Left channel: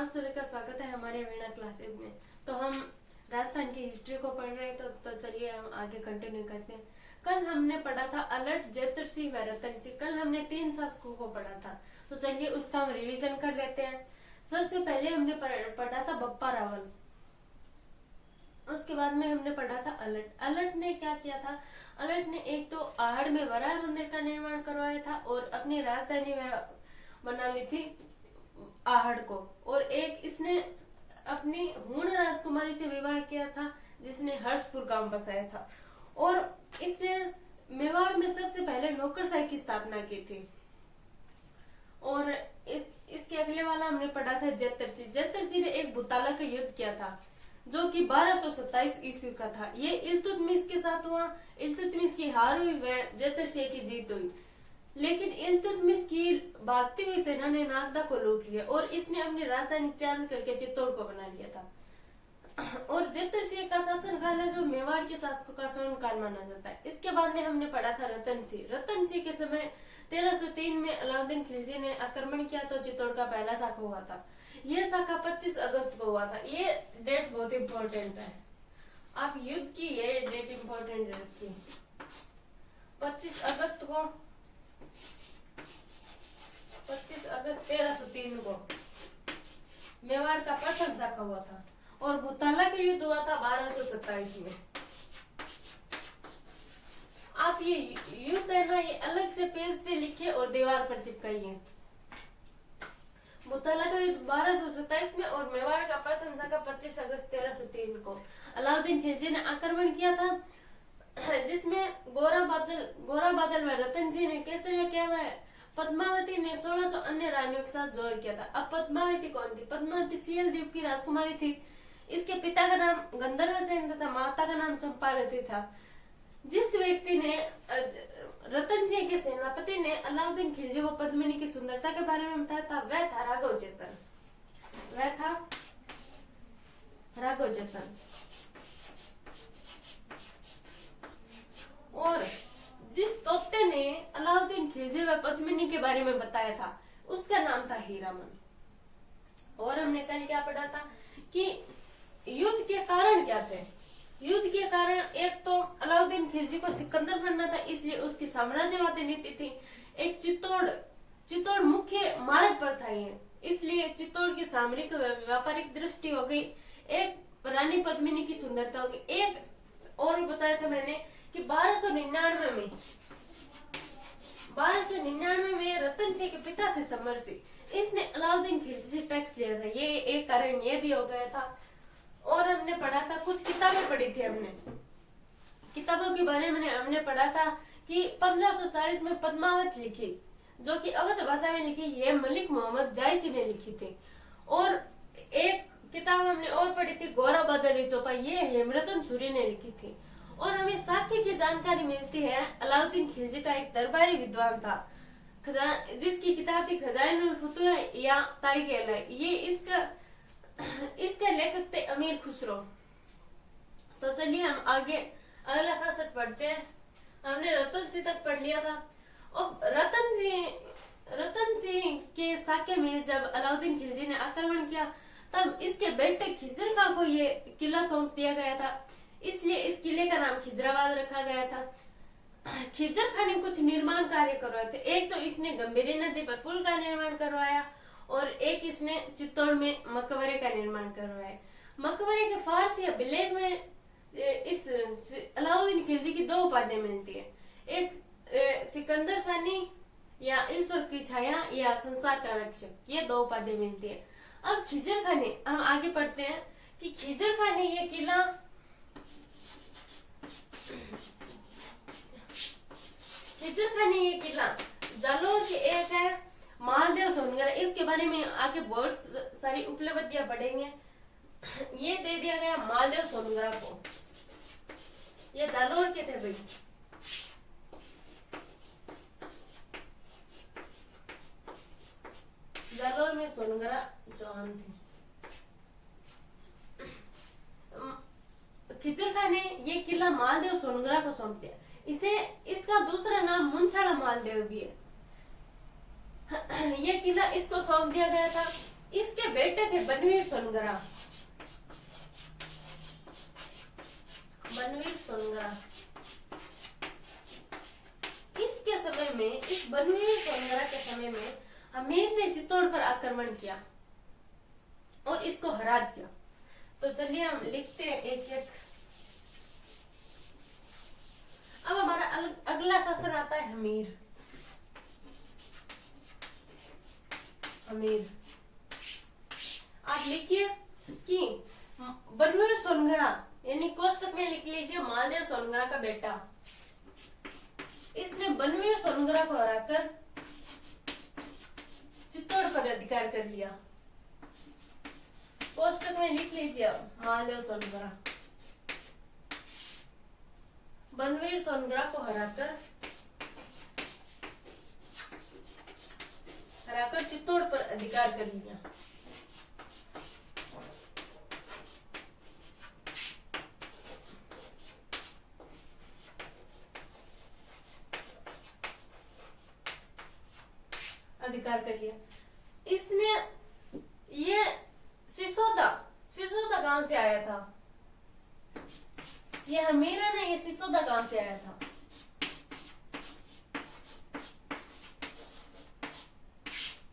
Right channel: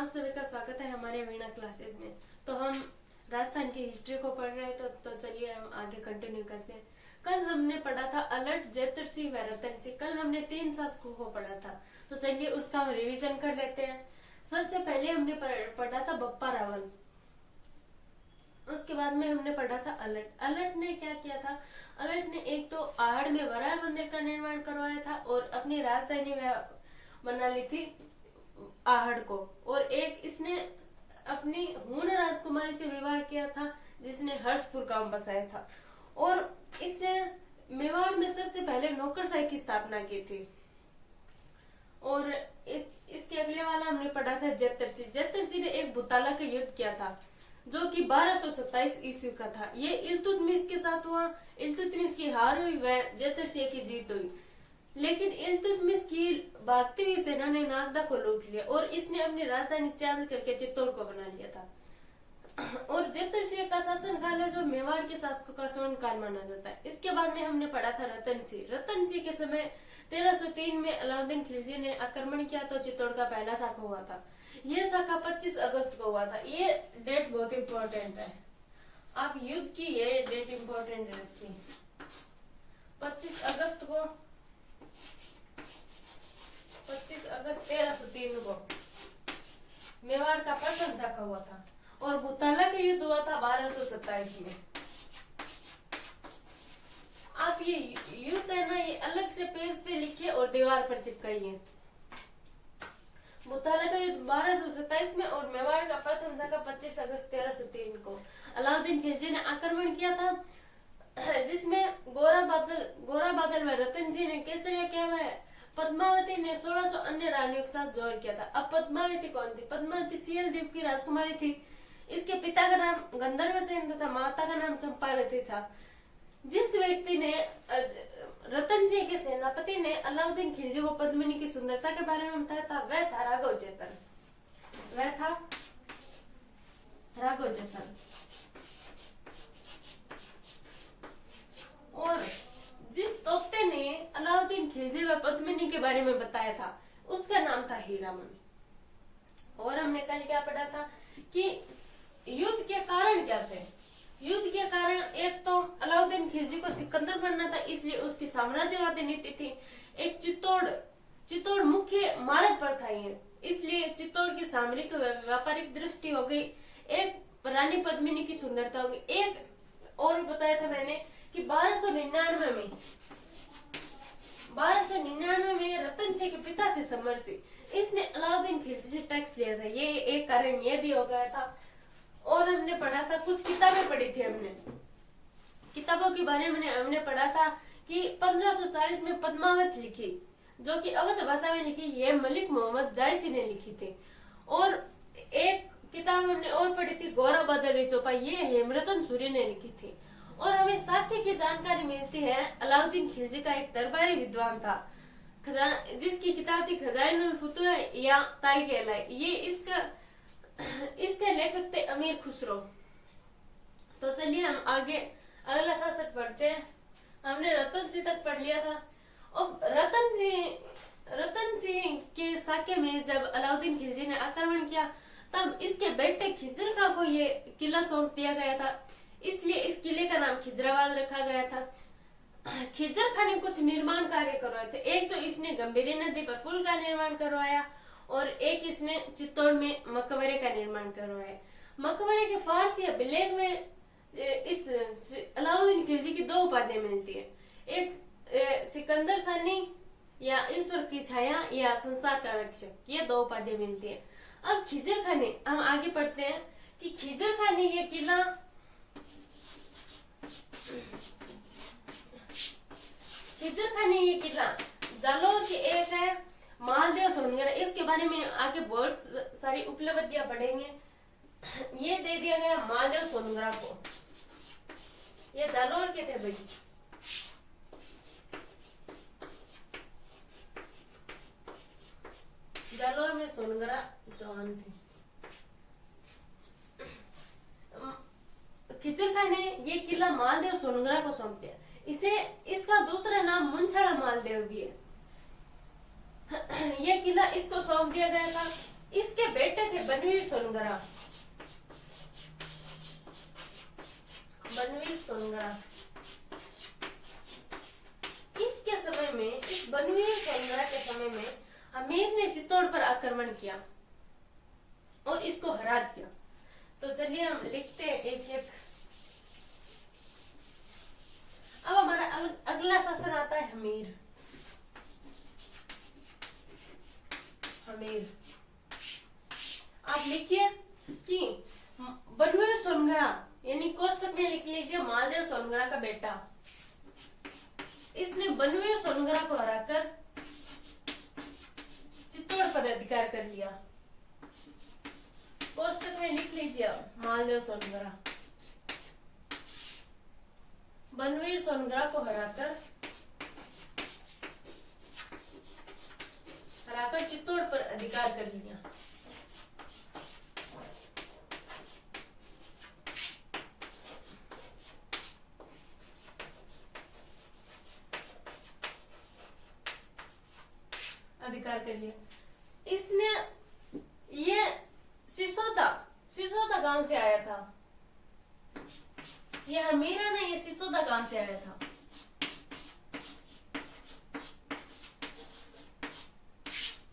आप सभी का स्वागत है हमारे वीणा क्लासेस में। तो हम राजस्थान की हिस्ट्री को पढ़ रहे हैं, तो चलिए हम आगे कंटिन्यू करते हैं। कल हमने पढ़ा था अलर्ट, जेतर सिंह व रतन सिंह। कल हमने 3 शासकों को पढ़ा था, तो चलिए उसका हम रिवीजन कर लेते हैं। सबसे पहले हमने पढ़ा था बप्पा रावल। उसके बाद में हमने पढ़ा था अलर्ट। अलर्ट ने क्या किया था? अलर्ट ने एक तो आहड़ में वराह मंदिर का निर्माण करवाया था और अपनी राजधानी बना ली थी आहड़ को, और एक इसने अपनी हूण राजकुमारी से विवाह किया था जिसने हर्षपुर गांव बसाया था, और इसने मेवाड़ में सबसे पहले नौकरशाही की स्थापना की थी। और इसके अगले वाला हमने पढ़ा था जेतर सिंह। जेतर सिंह ने एक बुताला का युद्ध किया था जो कि 1227 ईस्वी का था। ये इल्तुतमिश के साथ हुआ। इल्तुतमिश की हार हुई व जेतर सिंह की जीत हुई, लेकिन इल्तुतमिश की भागती हुई सेना ने नागदा को लूट लिया और इसने अपनी राजधानी चेंज करके चित्तौड़ को बना लिया था। और जेतर सिंह का शासनकाल है जो मेवाड़ के शासकों का स्वर्ण काल माना जाता है। इसके बाद में हमने पढ़ा था रतन सिंह। रतन सिंह के समय 1303 में अलाउद्दीन खिलजी ने आक्रमण किया तो चित्तौड़ का पहला शाखा हुआ था। यह शाखा 25 अगस्त को हुआ था। ये डेट बहुत इंपॉर्टेंट है, आप युद्ध की ये डेट इंपॉर्टेंट रखिए। 25 अगस्त 1303 को मेवाड़ का प्रथम शाखा हुआ था और बुताला के युद्ध हुआ था 1227 में। आप ये युद्ध है ना, ये अलग से पेज पे लिखे और दीवार पर चिपकाइए। बुताला का युद्ध 1227 में और मेवाड़ का प्रथम शाखा 25 अगस्त 1303 को अलाउद्दीन खिलजी ने आक्रमण किया था, जिसमें गोरा बादल व रतन सिंह ने केसरिया किया हुआ। पद्मावती ने 1600 अन्य रानियों के साथ जोर किया था। अब पद्मावती कौन थी? पद्मावती सियल द्वीप की राजकुमारी थी। इसके पिता का नाम गंधर्व सेन तथा माता का नाम चंपावती था। जिस व्यक्ति ने रतन सिंह के सेनापति ने अलाउद्दीन खिलजी को पद्मिनी की सुंदरता के बारे में बताया था, वह था राघव चेतन। और जिस तोते ने अलाउद्दीन खिलजी व पद्मिनी के बारे में बताया था उसका नाम था हीरामन। और हमने कल क्या पढ़ा था कि युद्ध के कारण क्या थे? युद्ध के कारण एक तो अलाउद्दीन खिलजी को सिकंदर बनना था, इसलिए उसकी साम्राज्यवादी नीति थी। एक चित्तौड़ मुख्य मार्ग पर था ये, इसलिए चित्तौड़ की सामरिक व्यापारिक दृष्टि हो गई। एक रानी पद्मिनी की सुंदरता होगी। एक और बताया था मैंने कि 1299 में रतन सिंह के पिता थे समर सिंह, इसने अलाउद्दीन खिलजी से टैक्स लिया था। ये एक कारण ये भी हो गया था। और हमने पढ़ा था, कुछ किताबें पढ़ी थी हमने। किताबों के बारे में हमने पढ़ा था कि 1540 में पद्मावत लिखी, जो कि अवध भाषा में लिखी, ये मलिक मोहम्मद जायसी ने लिखी थी। और एक किताब हमने और पढ़ी थी, गौरव बदरी चौपा, ये हेमरतन सूरी ने लिखी थी। और हमें साक्य की जानकारी मिलती है, अलाउद्दीन खिलजी का एक दरबारी विद्वान था जिसकी किताब थी खजाइनुल फुतूह या तारीख-ए-इलाही। ये इसके लेखक थे अमीर खुसरो। तो चलिए हम आगे अगला शासक पढ़ते हैं। हमने रतन सिंह तक पढ़ लिया था। और रतन सिंह के साके में जब अलाउद्दीन खिलजी ने आक्रमण किया तब इसके बेटे खिजर खां को ये किला सौंप दिया गया था, इसलिए इस किले का नाम खिजराबाद रखा गया था। खिजर खां ने कुछ निर्माण कार्य करवाए थे। एक तो इसने गंभीरी नदी पर पुल का निर्माण करवाया और एक इसने चित्तौड़ में मकबरे का निर्माण करवाया। मकबरे के फारसी या बिलेग में इस अलाउद्दीन खिलजी की 2 उपाधियां मिलती है। एक सिकंदर सानी या ईश्वर की छाया या संसार का रक्षक, ये 2 उपाधियां मिलती है। अब खिजर खां ने, हम आगे पढ़ते हैं कि खिजर खां ने ये किला जालौर की एक है मालदेव सोनगढ़, इसके बारे में आगे बहुत सारी उपलब्धियां पढ़ेंगे। ये दे दिया गया मालदेव सोनगढ़ को, ये जालौर के थे भाई। जालौर में सोनगढ़ चौहान थे। खिजर खां ने ये किला मालदेव सोनगढ़ को सौंप दिया। इसका दूसरा नाम मुंछड़ा मालदेव भी है। ये किला इसको सौंप दिया गया था इसके बेटे थे बनवीर सोनगरा। बनवीर सोनगरा। इसके समय में, इस बनवीर सोनगरा के समय में हमीर ने चित्तौड़ पर आक्रमण किया और इसको हरा दिया। तो चलिए हम लिखते हैं एक एक। अब हमारा अगला शासन आता है हमीर। हमीर, आप लिखिए कि बनवीर सोनगरा, यानी कोष्टक में लिख लीजिए मालदेव सोनगरा का बेटा, इसने बनवीर सोनगरा को हराकर चित्तौड़ पर अधिकार कर लिया। कोष्टक में लिख लीजिए मालदेव सोनगरा, बनवीर सोनगरा को हराकर चित्तौड़ पर अधिकार कर लिया। अधिकार कर लिया। इसने ये सिसोदा गांव से आया था। ये हमीरा ने ये सिसोदा गांव से आया था।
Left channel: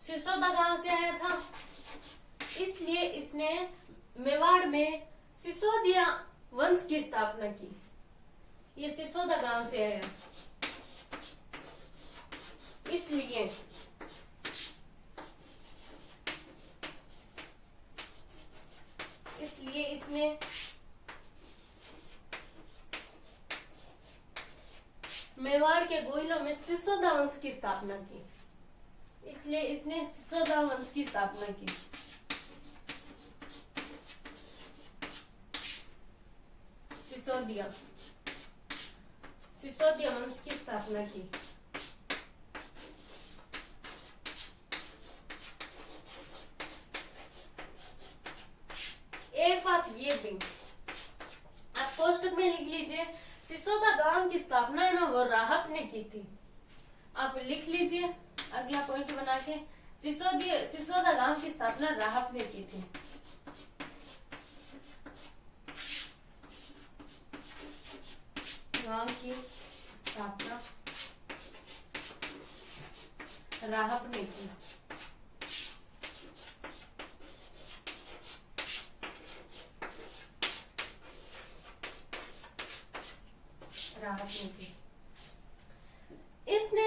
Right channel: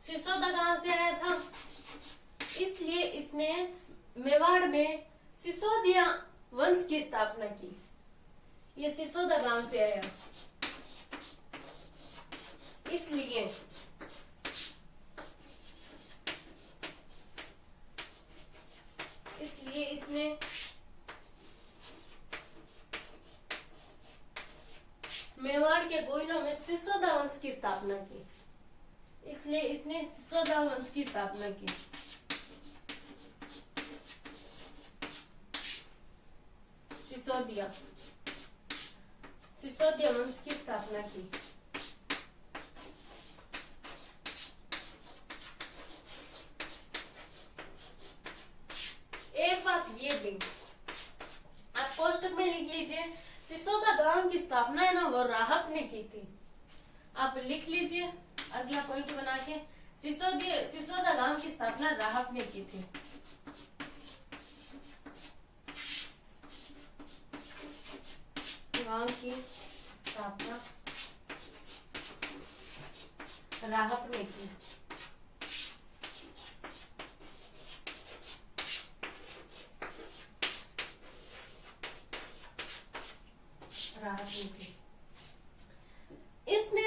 सिसोदा गांव से आया था, इसलिए इसने मेवाड़ में सिसोदिया वंश की स्थापना की। ये सिसोदा गांव से आया, इसलिए इसने मेवाड़ के गोइलों में सिसोदा वंश की स्थापना की। इसलिए इसने सिसोदा वंश की स्थापना की। सिसोदिया वंश की स्थापना की। एक बात ये भी आप कोष्टक में लिख लीजिए, सिसोदा गांव की स्थापना है ना वो राहत ने की थी। आप लिख लीजिए अगला पॉइंट बना के, सिसोदा गांव की स्थापना राहत ने की थी। गांव की स्थापना राहत ने की। इसने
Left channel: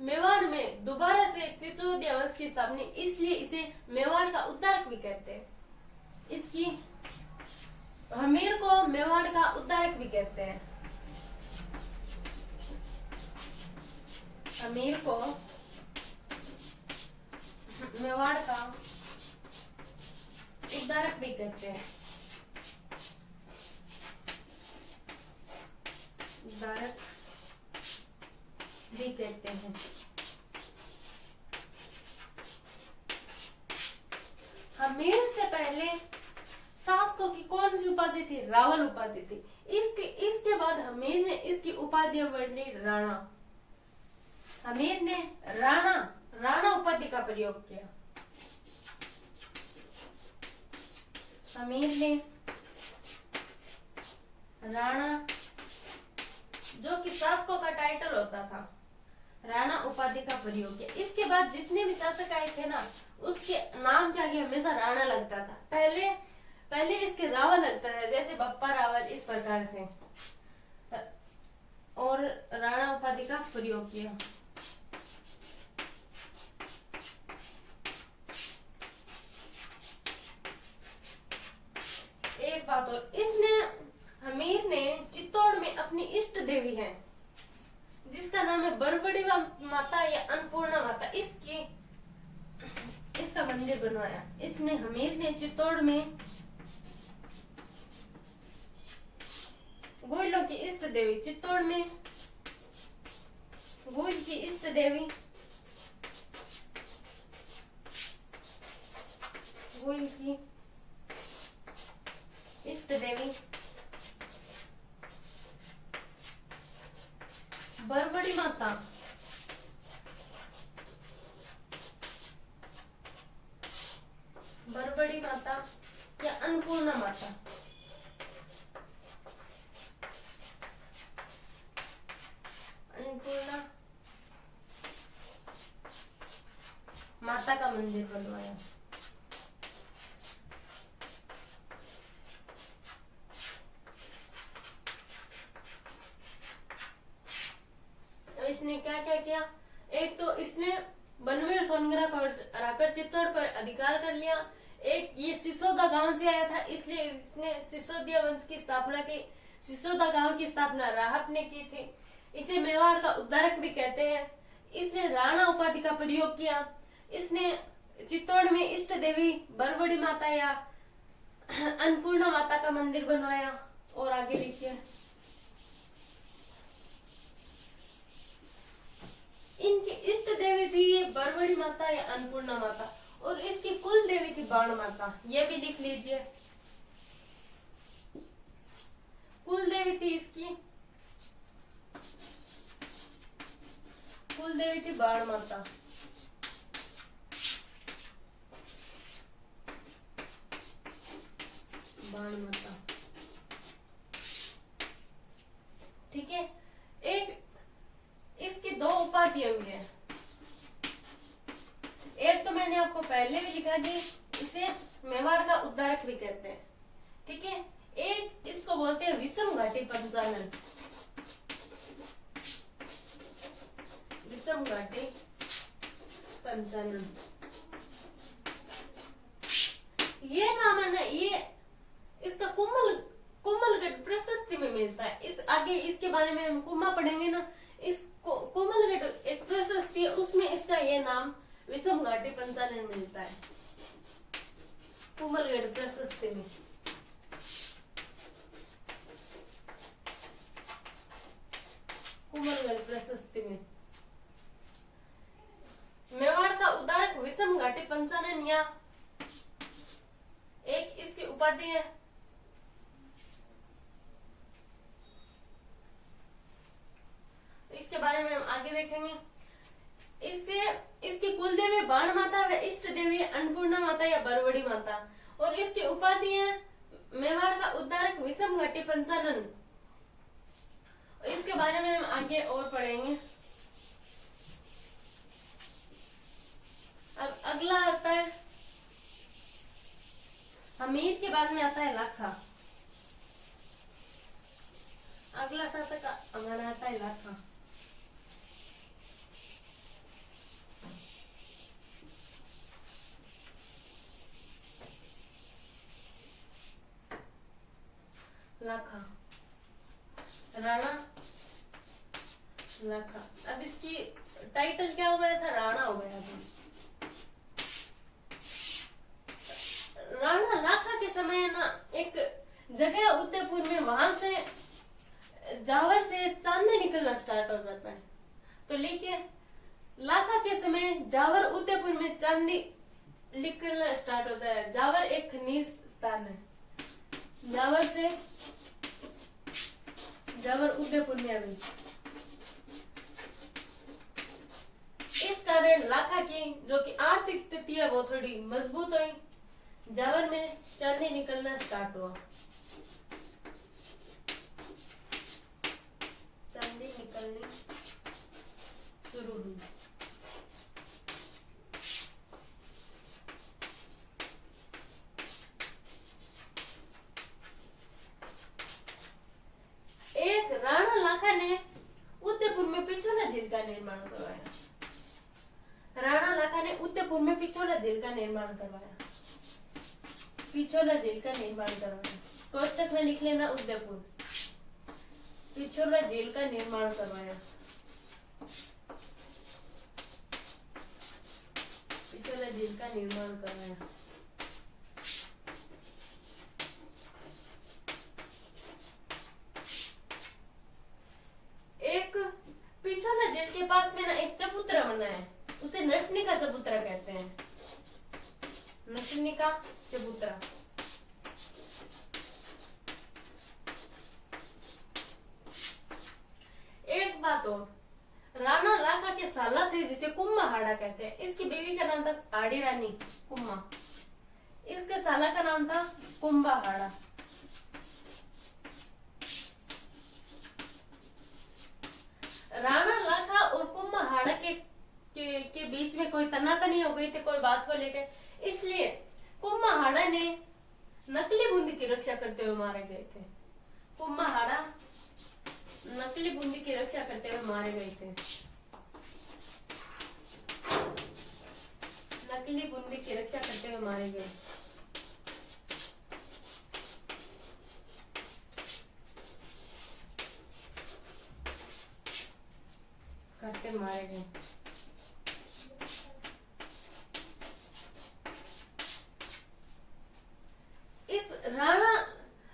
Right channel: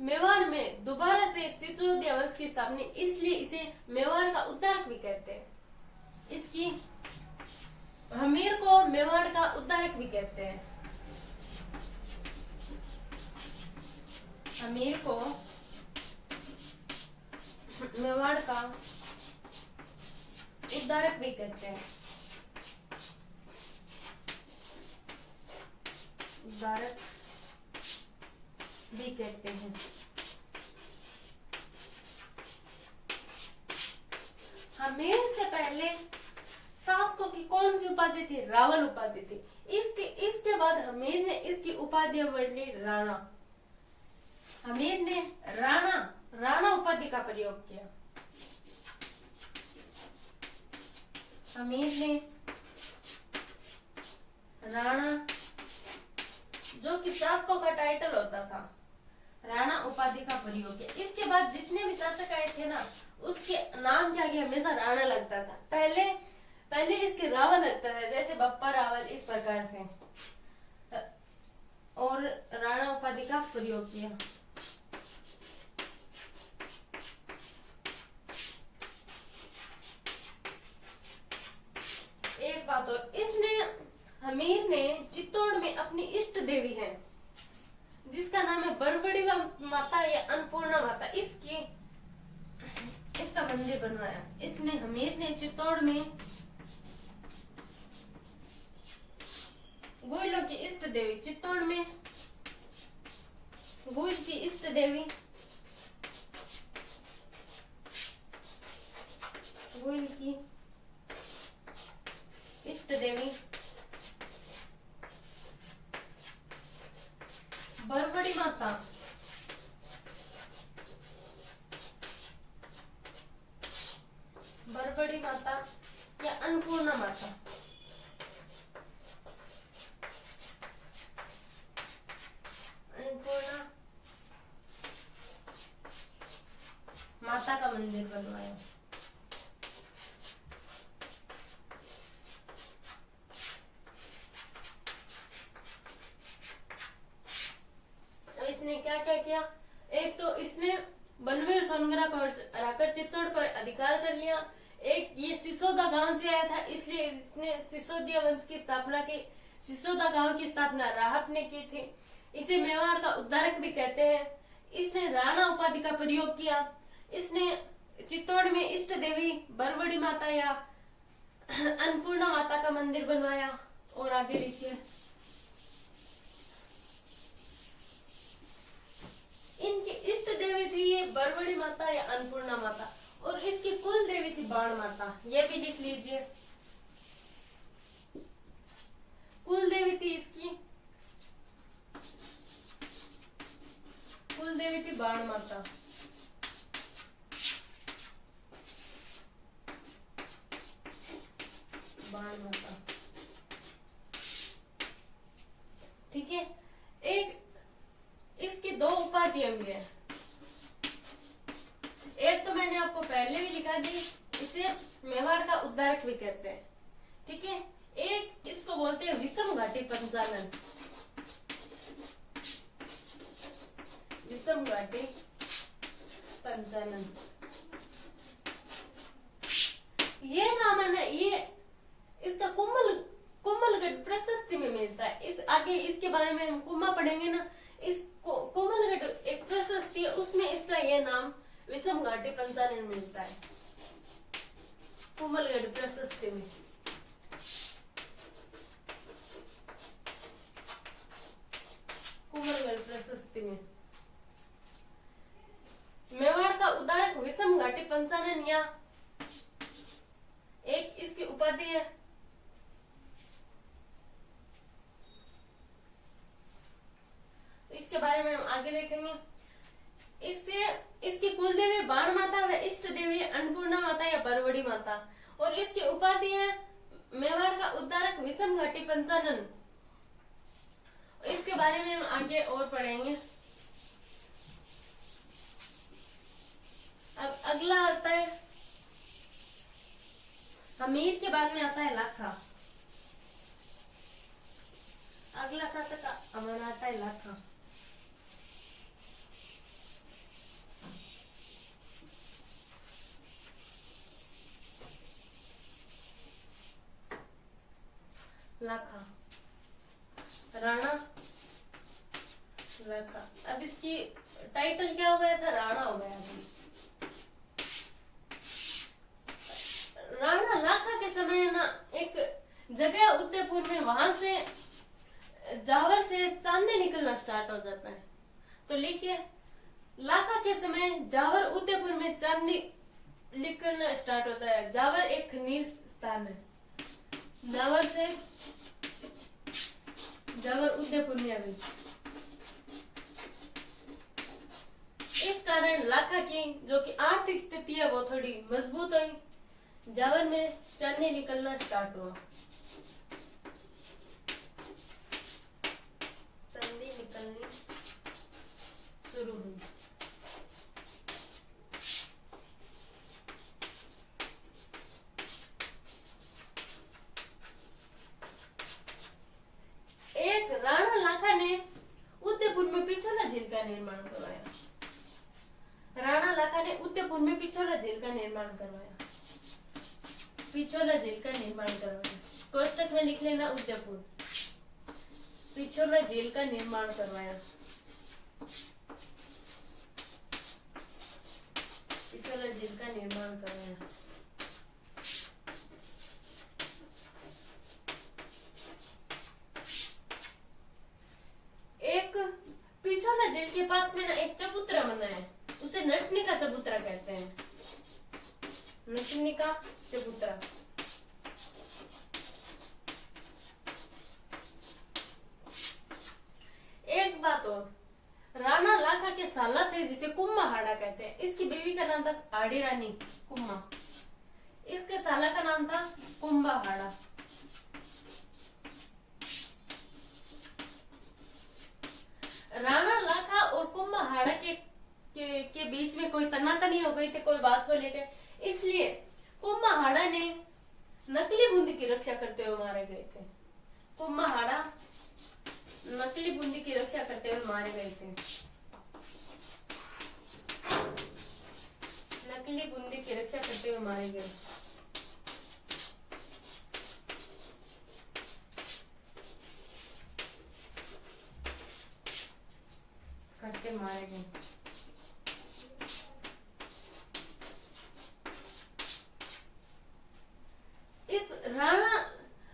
मेवाड़ में दोबारा से सिसोदिया वंश की स्थापना, इसलिए इसे मेवाड़ का उद्धारक भी कहते हैं। इसकी हमीर को मेवाड़ का उद्धारक भी कहते हैं। हमीर को मेवाड़ का उद्धारक भी कहते हैं। उद्धारक भी कहते हैं। हमीर से पहले शासकों की कौन सी उपाधि थी? रावल उपाधि थी। इसके बाद हमीर ने इसकी उपाधियां बदली राणा। हमीर ने राणा उपाधि का प्रयोग किया। हमीर ने राणा, जो कि शासकों का टाइटल होता था, राणा उपाधि का प्रयोग किया। इसके बाद जितने भी शासक आए थे ना, उसके नाम क्या किया, हमेशा राणा लगता था। पहले इसके रावल लगता था, जैसे बप्पा रावल, इस प्रकार से, और राणा उपाधि का प्रयोग किया। एक बात और, हमीर ने चित्तौड़ में अपनी इष्ट देवी है जिसका नाम है बरबड़ी माता या अन्नपूर्णा माता, इसका मंदिर बनवाया। हमीर ने चित्तौड़ में गोइलों की इष्ट देवी, चित्तौड़ में गोइल की इष्ट देवी, गोइल की इष्ट देवी बरबड़ी माता बरबड़ी माता या अन्नपूर्णा माता। अन्नपूर्णा माता का मंदिर बनवाया। इसने क्या क्या किया? एक तो इसने बनवीर सोनग्रा को हराकर चित्तौड़ पर अधिकार कर लिया। एक ये सिसोदा गांव से आया था, इसलिए इसने सिसोदिया वंश की स्थापना की। सिसोदा गांव की स्थापना राहत ने की थी। इसे मेवाड़ का उद्धारक भी कहते हैं। इसने राणा उपाधि का प्रयोग किया। इसने चित्तौड़ में इष्ट देवी बरबड़ी माता या अन्नपूर्णा माता का मंदिर बनवाया। और आगे लिखिए, इनकी इष्ट देवी थी ये बरबड़ी माता या अन्नपूर्णा माता, और इसकी कुल देवी थी बाण माता। ये भी लिख लीजिए, कुल देवी थी इसकी, कुल देवी थी बाण माता। बाण माता, ठीक है। एक इसकी दो उपाधियां भी है। एक तो मैंने आपको पहले भी लिखा दी, इसे मेवाड़ का उद्धारक भी कहते हैं, ठीक है। एक इसको बोलते हैं विषम घाटी पंचानन। विषम घाटी पंचानन, ये नाम है ना, ये इसका कुम्मलगढ़ प्रशस्ति में मिलता है। इस आगे इसके बारे में हम कुम्मा पढ़ेंगे ना, इस कोमलगढ़ एक प्रशस्ति है, उसमें इसका ये नाम विषम घाटी पंचानन मिलता है। कोमलगढ़ प्रशस्ति में कोमलगढ़ प्रशस्ति में मेवाड़ का उद्धारक विषम घाटी पंचानन या एक इसकी उपाधि है। इसके बारे में हम आगे देखेंगे। इससे इसकी कुल देवी बाण माता व इष्ट देवी अन्नपूर्णा माता या बरबड़ी माता, और इसकी उपाधि है मेवाड़ का उद्धारक विषम घाटी पंचानन। इसके बारे में हम आगे और पढ़ेंगे। अब अगला आता है हमीर के बाद में आता है लाखा। अगला शासक हमारा आता है लाखा। लाखा राणा लाखा। अब इसकी टाइटल क्या हो गया था? राणा हो गया था। राणा लाखा के समय ना एक जगह उदयपुर में, वहां से जावर से चांदी निकलना स्टार्ट हो जाता है। तो लिखिए, लाखा के समय जावर उदयपुर में चांदी निकलना स्टार्ट होता है। जावर एक खनिज स्थान है। जावर उदयपुर में अभी। इस कारण लाखा की जो कि आर्थिक स्थिति है वो थोड़ी मजबूत हुई। जावर में चांदी निकलना स्टार्ट हुआ। चांदी निकलनी शुरू हुई। एक राणा लाखा ने उदयपुर में पिछोला झील का निर्माण करवाया। राणा लाखा ने उदयपुर में पिछोला झील का निर्माण करवाया। पिछोला झील का निर्माण करवाया। कोष्टक में लिख लेना उदयपुर। पिछोला झील का निर्माण करवाया। पिछोला झील का निर्माण करवाया। एक पिछोला झील के पास में ना एक चबूतरा बना है, उसे नटनिका चबूतरा कहते हैं। नटनिका चबूतरा। एक बात और, राणा लाखा के साला थे जिसे कुम्मा हाड़ा कहते हैं। इसकी बीवी का नाम था आड़ी रानी कुम्मा। नाम था कुंभाहाड़ा। राणा लाखा और कुंभाहाड़ा के बीच में कोई तनातनी हो गई थी कोई बात को लेकर, इसलिए कुंभाहाड़ा ने नकली बूंदी की रक्षा करते हुए मारे गए थे। कुंभाहाड़ा नकली बूंदी की रक्षा करते हुए मारे गए थे। नकली बूंदी की रक्षा करते हुए मारे गए। करते मारे गए। इस राणा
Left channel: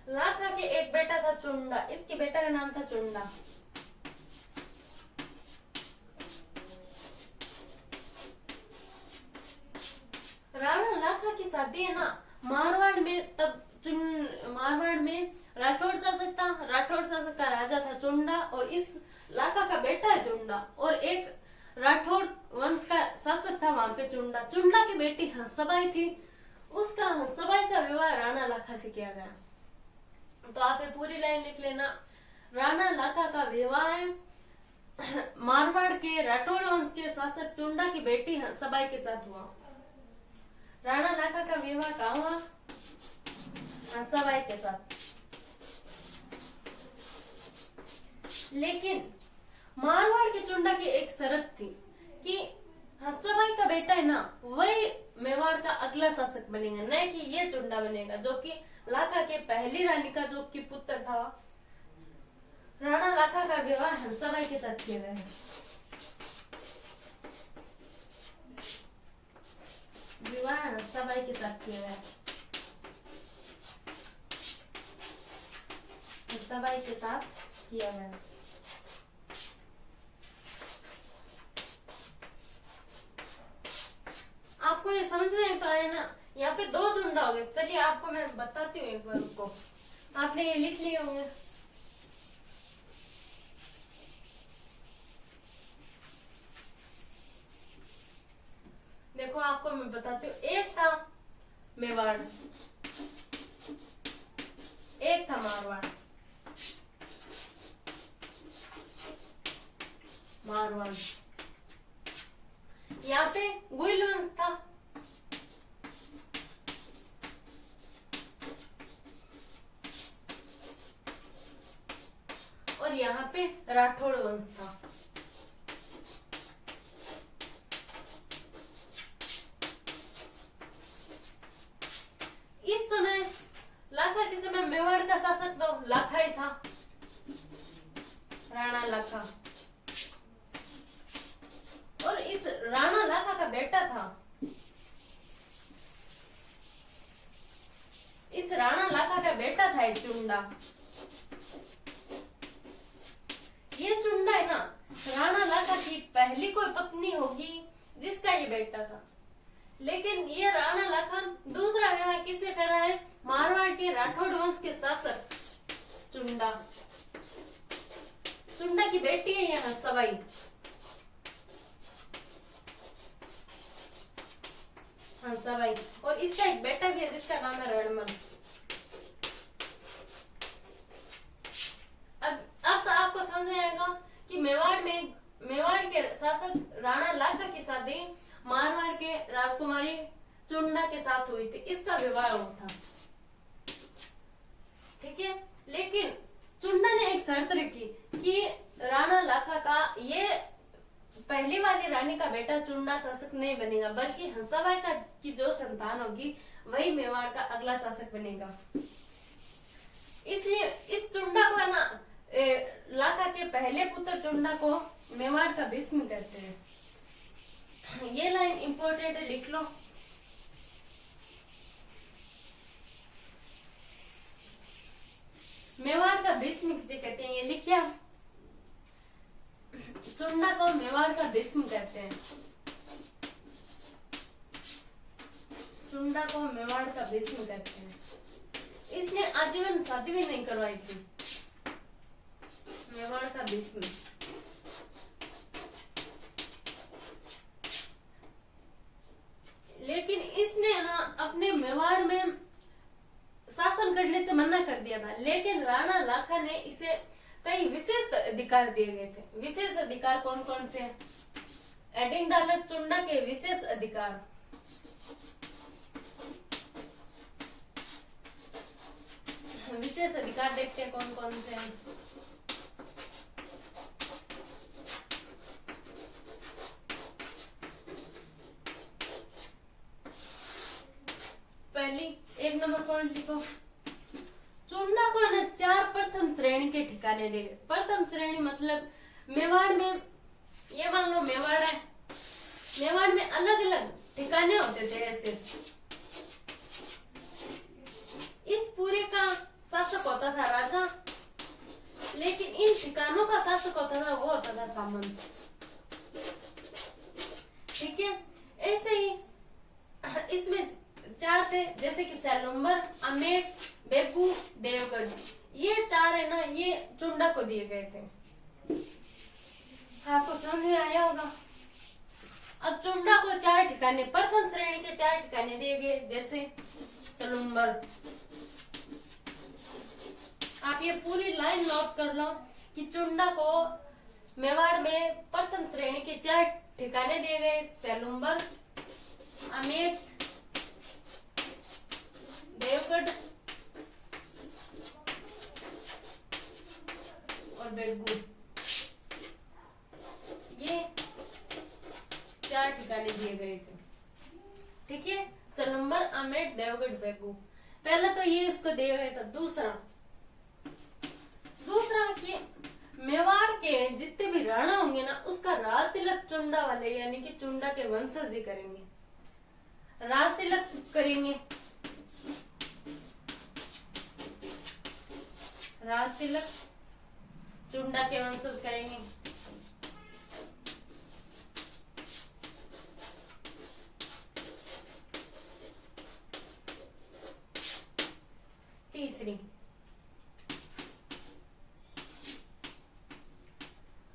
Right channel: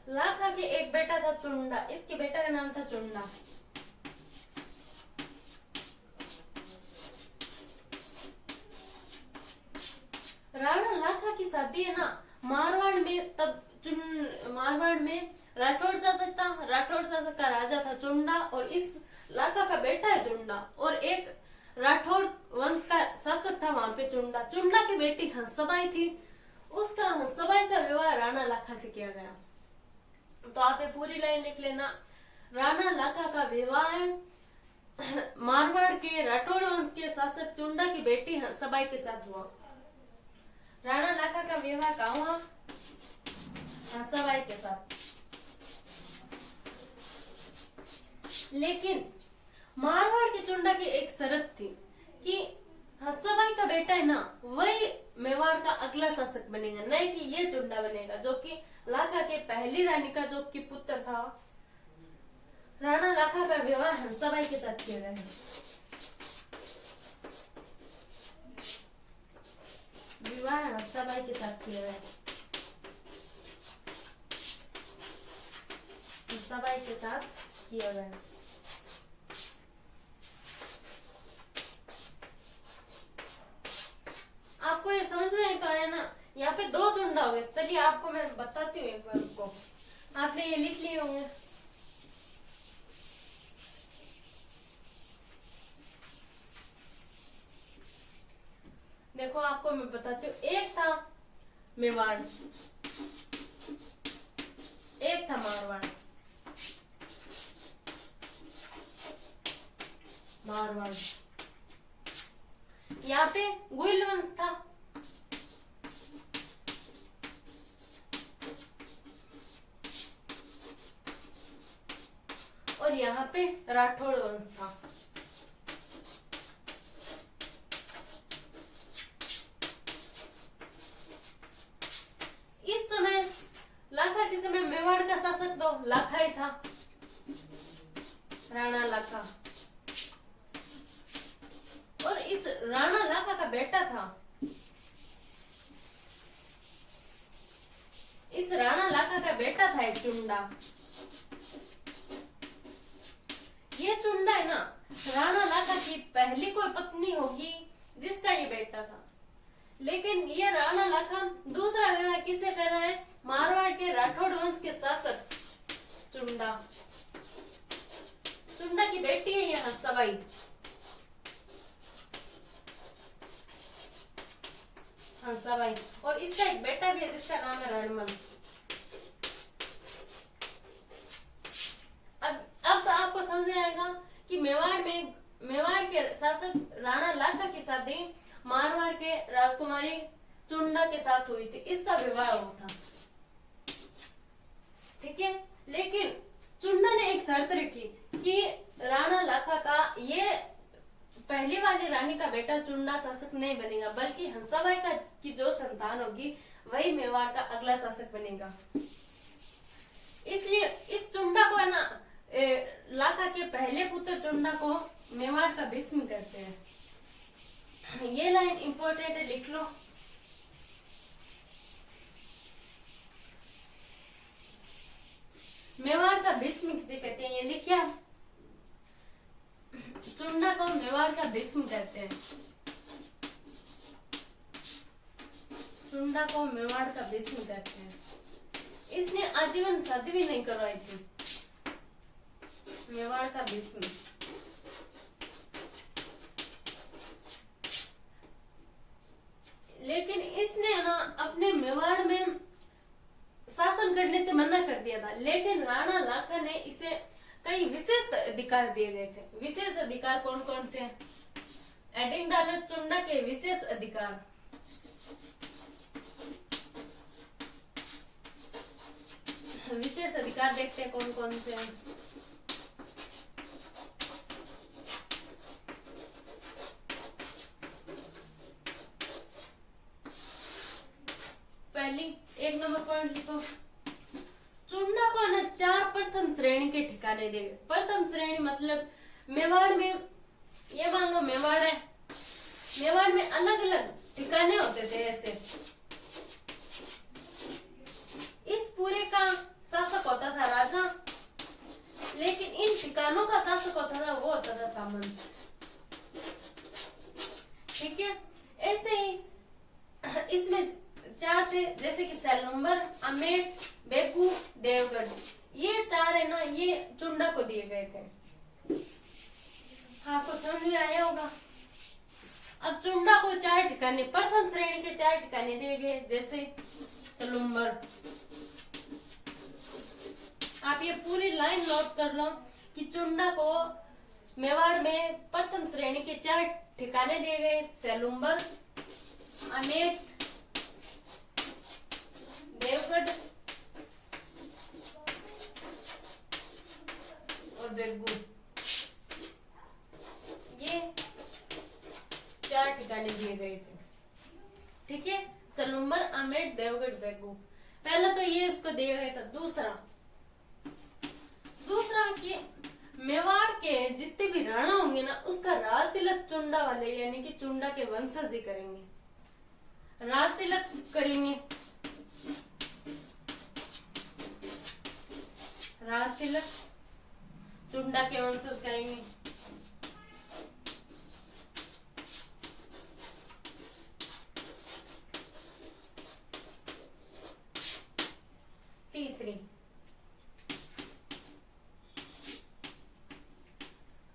लाखा के एक बेटा था चुंडा, इसके बेटा का नाम था चुंडा। राणा लाखा की शादी है ना मारवाड़ में, तब मारवाड़ में राठौड़ शासक था, राठौड़ शासक का राजा था चुंडा, और इस लाखा का बेटा है चुंडा, और एक राठौड़ वंश का शासक था वहां पे चुंडा। चुंडा की बेटी हंसबाई थी, उसका हंसबाई का विवाह राणा लाखा से किया गया। तो आप ये पूरी लाइन लिख लेना। राणा लाखा का विवाह मारवाड़ के राठौड़ वंश के शासक चुंडा की बेटी हंसबाई के साथ हुआ। राणा लाखा का विवाह कहाँ हुआ? हंसबाई के साथ। लेकिन मारवाड़ के चुंडा की एक शर्त थी कि हंसबाई का बेटा है ना वही मेवाड़ का अगला शासक बनेगा, न कि ये चुंडा बनेगा, जो कि लाखा के पहली रानी का जो कि पुत्र था। राणा लाखा का विवाह हंसबाई के साथ किया गया है। विवाह हंसबाई के साथ किया गया है। हंसबाई के साथ किया गया है। आपको ये समझ में तो आया ना? यहाँ पे दो चुंडा हो गए। चलिए आपको मैं बताती हूँ एक बार को, आपने ये लिख लिए होंगे। देखो आपको मैं बताती हूँ, एक था मेवाड़, एक था मारवाड़। मारवाड़ यहाँ पे गुइल वंश था, और यहाँ पे राठौड़ वंश था। इस समय लाखा के समय मेवाड़ का शासक तो लाखा ही था, राणा लाखा। और इस राणा लाखा का बेटा था, इस राणा लाखा का बेटा था एक चुंडा। ये चुंडा है ना राणा लाखा की पहली कोई पत्नी होगी जिसका ये बेटा था। लेकिन ये राणा लाखा दूसरा विवाह किससे कर रहा है? मारवाड़ के राठौड़ वंश के शासक चुंडा। चुंडा की बेटी है ये हंसबाई। हंसबाई, और इसका एक बेटा भी है जिसका नाम है रणमल। अब तो आपको समझ आएगा कि मेवाड़ के शासक राणा लाखा की शादी मारवाड़ के राजकुमारी चुंडा के साथ हुई थी, इसका विवाह हुआ था। ठीक है, लेकिन चुंडा ने एक शर्त रखी कि राणा लाखा का ये पहली वाली रानी का बेटा चुंडा शासक नहीं बनेगा, बल्कि हंसाबाई का की जो संतान होगी वही मेवाड़ का अगला शासक बनेगा। इसलिए इस चुंडा को है ना लाखा के पहले पुत्र चुंडा को मेवाड़ का भीष्म कहते हैं। ये लाइन इंपोर्टेंट है, लिख लो। मेवाड़ का भीष्म किसे कहते हैं ये लिखिए। चुंडा को मेवाड़ का भीष्म कहते हैं। चुंडा को मेवाड़ का भीष्म कहते हैं। इसने आजीवन शादी भी नहीं करवाई थी। मेवाड़ का भीष्म। लेकिन इसने ना अपने मेवाड़ में शासन करने से मना कर दिया था, लेकिन राणा लाखा ने इसे कई विशेष अधिकार दिए गए थे। विशेष अधिकार कौन कौन से हैं? एडिंगडाल और चुंडा के विशेष अधिकार। विशेष अधिकार देखते हैं कौन कौन से हैं। पहली 1 नंबर पॉइंट लिखो, चुंडा को न 4 प्रथम श्रेणी के ठिकाने दे। प्रथम श्रेणी मतलब मेवाड़ में, ये मान लो मेवाड़ है, मेवाड़ में अलग अलग ठिकाने होते थे ऐसे। इस पूरे का शासक होता था राजा, लेकिन इन ठिकानों का शासक होता था वो होता था सामंत। ठीक है, ऐसे ही इसमें 4 थे, जैसे कि सेलुम्बर, अमेठ, बेगू, देवगढ़। ये 4 है ना, ये चुंडा को दिए गए थे। आपको समझ में आया होगा। अब चुंडा को 4 ठिकाने, प्रथम श्रेणी के 4 ठिकाने दिए गए, जैसे सेलुम्बर। आप ये पूरी लाइन नोट कर लो कि चुंडा को मेवाड़ में प्रथम श्रेणी के 4 ठिकाने दिए गए, सेलुम्बर, अमेठ, देवगढ़ और बेगू। ये 4 ठिकाने दिए गए थे। ठीक है, सेलुम्बर, अमेठ, देवगढ़, बेगू। पहला तो ये इसको दिया गया था। दूसरा कि मेवाड़ के जितने भी राणा होंगे ना, उसका राज तिलक चुंडा वाले यानी कि चुंडा के वंशज ही करेंगे। राज तिलक करेंगे, राज तिलक चुंडा के वंशज करेंगे। तीसरी,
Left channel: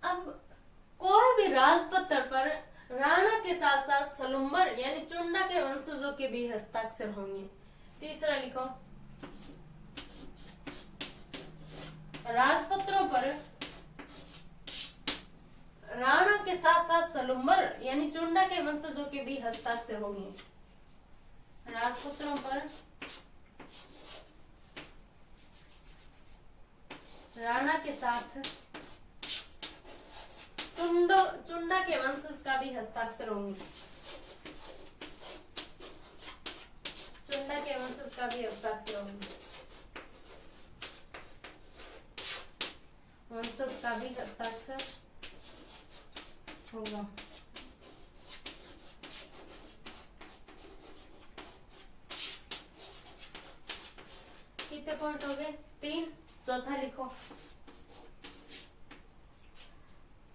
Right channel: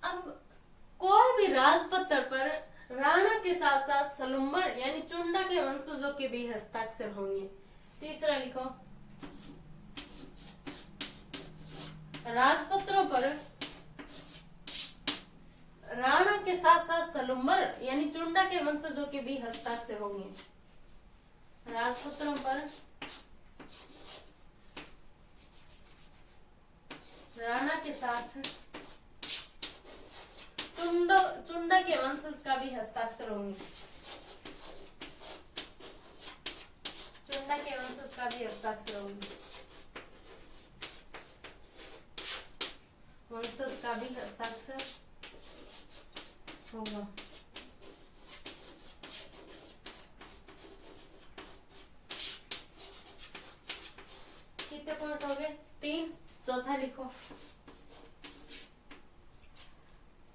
अब कोई भी राजपत्र पर राणा के साथ साथ सेलुम्बर यानी चुंडा के वंशजों के भी हस्ताक्षर होंगे। तीसरा लिखो, राजपत्रों पर राणा के साथ साथ सेलुम्बर यानी चुंडा के वंशजों के भी हस्ताक्षर होंगे। राजपत्रों पर राणा के साथ चुंडा के वंशज का भी हस्ताक्षर होंगे। चुंडा के वंशज का भी हस्ताक्षर होंगे। वंशज का भी हस्ताक्षर होगा। कितने पॉइंट हो गए? 3। चौथा लिखो,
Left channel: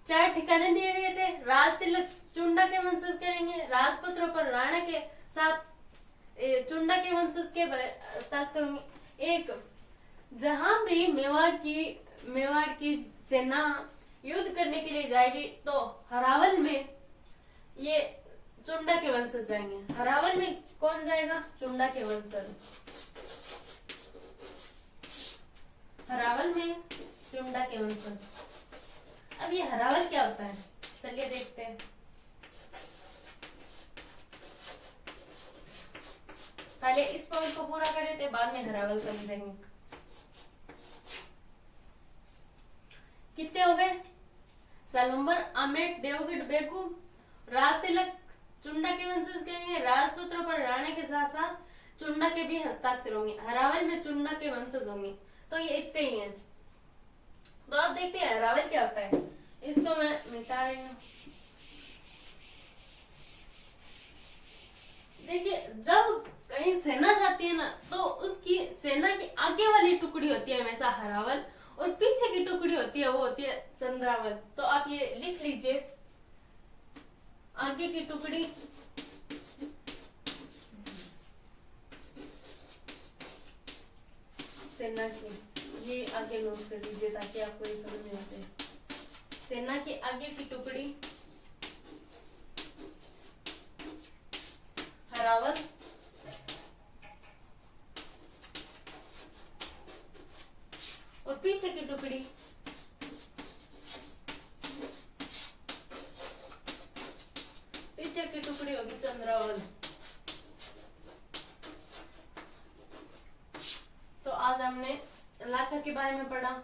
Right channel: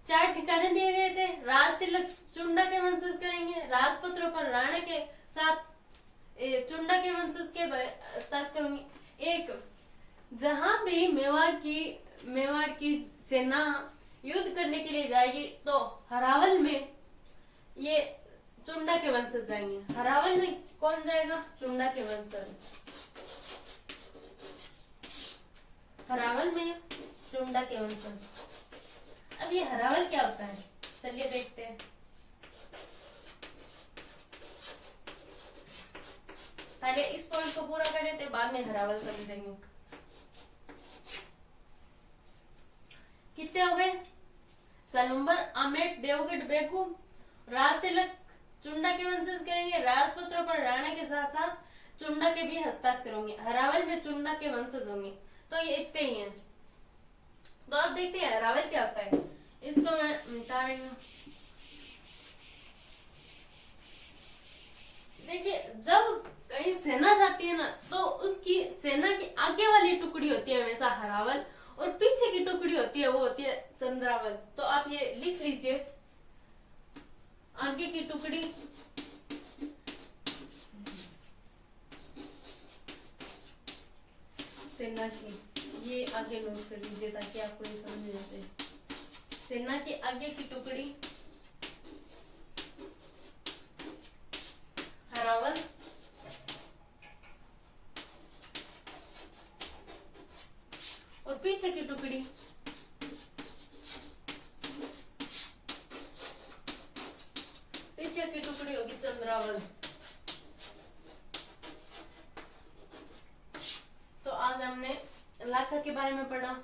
4 ठिकाने दिए गए थे। राज तिलक चुंडा के वंशज करेंगे। राजपत्रों पर राणा के साथ चुंडा के वंशज के हस्ताक्षर होंगे। एक, जहां भी मेवाड़ की सेना युद्ध करने के लिए जाएगी तो हरावल में ये चुंडा के वंशज जाएंगे। हरावल में कौन जाएगा? चुंडा के वंशज। हरावल में चुंडा के वंशज। अब ये हरावल क्या होता है, चलिए देखते हैं। पहले इस पॉइंट को पूरा कर लेते हैं, बाद में हरावल समझेंगे। कितने हो गए? सेलुम्बर, अमेठ, देवगढ़, बेगू, राज तिलक चुंडा के वंशज करेंगे। राजपुत्रों पर राणा के साथ साथ चुंडा के भी हस्ताक्षर होंगे। हरावल में चुंडा के वंशज होंगे। तो ये इतने ही हैं। तो अब देखते हैं हरावल क्या होता है। इसको मैं मिटा रही हूँ। देखिए, जब कहीं सेना जाती है ना, तो उसकी सेना की आगे वाली टुकड़ी होती है हमेशा हरावल, और पीछे की टुकड़ी होती है वो होती है चंद्रावल। तो आप ये लिख लीजिए, आगे की टुकड़ी सेना की, ये आगे नोट कर लीजिए ताकि आपको ये समझ में आए। सेना की आगे की टुकड़ी हरावल, टुकड़ी, पीछे की टुकड़ी होगी चंद्रावल। तो आज हमने लाखा के बारे में पढ़ा।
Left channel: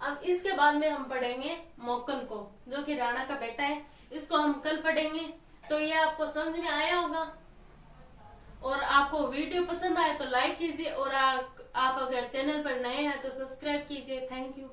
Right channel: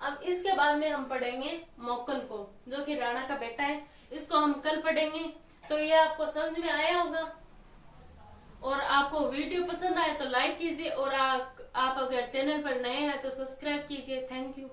अब इसके बाद में हम पढ़ेंगे मोकल को, जो कि राणा का बेटा है। इसको हम कल पढ़ेंगे। तो ये आपको समझ में आया होगा, और आपको वीडियो पसंद आए तो लाइक कीजिए, और आप अगर चैनल पर नए हैं तो सब्सक्राइब कीजिए। Thank you.